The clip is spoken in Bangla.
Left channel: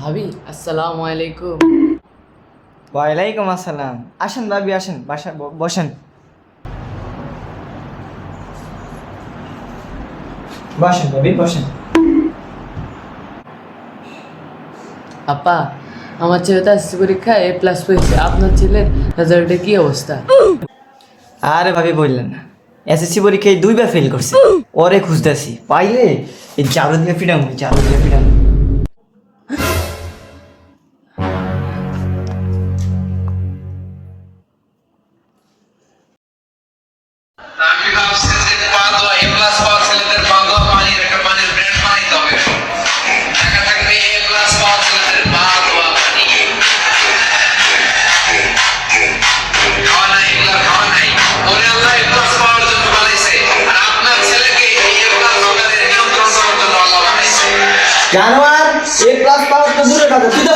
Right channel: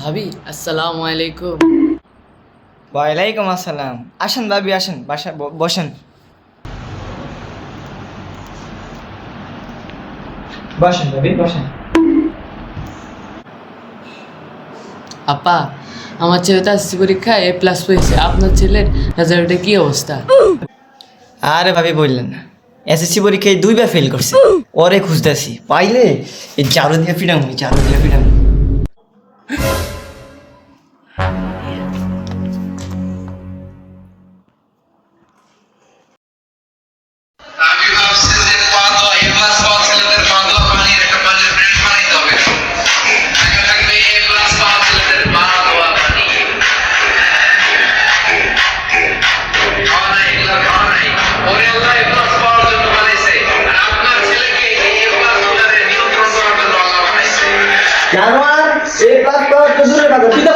ভাবি আসসালামু আলাইকুম। ওয়ালাইকুম আসসালাম। আসেন ভাবি আসেন, বাসা বসেন। বসেন ভাবি বসেন। আপা, আমার ছেলে তো এসএসসি পরীক্ষায় A+ পেয়েছে, আপনার ছেলের রেজাল্টের কি অবস্থা? আরে ভাবি বললেন না, এসএসসি পরীক্ষায় 2বার ফেল করছে। ওরে খুঁজতেছি, পাইলে এই ঝাড়ু দিয়ে পিটাঙ্গি, ঝাড়ু দিয়ে পিটাঙ্গি। আমি ভাবছি যে পা ধোয়া A+ পাওয়া ছেলেদের পা ধোয়া পানির একটা পানির ব্র্যান্ড বানাইতে হবে। টাকা থাকলে A+ পাওয়া ছেলেদের পা ধোয়া পানি। খাওয়া নাই, এগুলো খাওয়া নাই। ওরে আল্লাহ A+ পাওয়ার জন্য বানাইছে। আর আপনার ছেলেকে এই A+ ভোটারের নিয়ন্ত্রণ করার জন্য আল্লাহ বানাইছে। জানোয়ার, এ প্লাস পাওয়ার তো দূরে কথা, তুই তো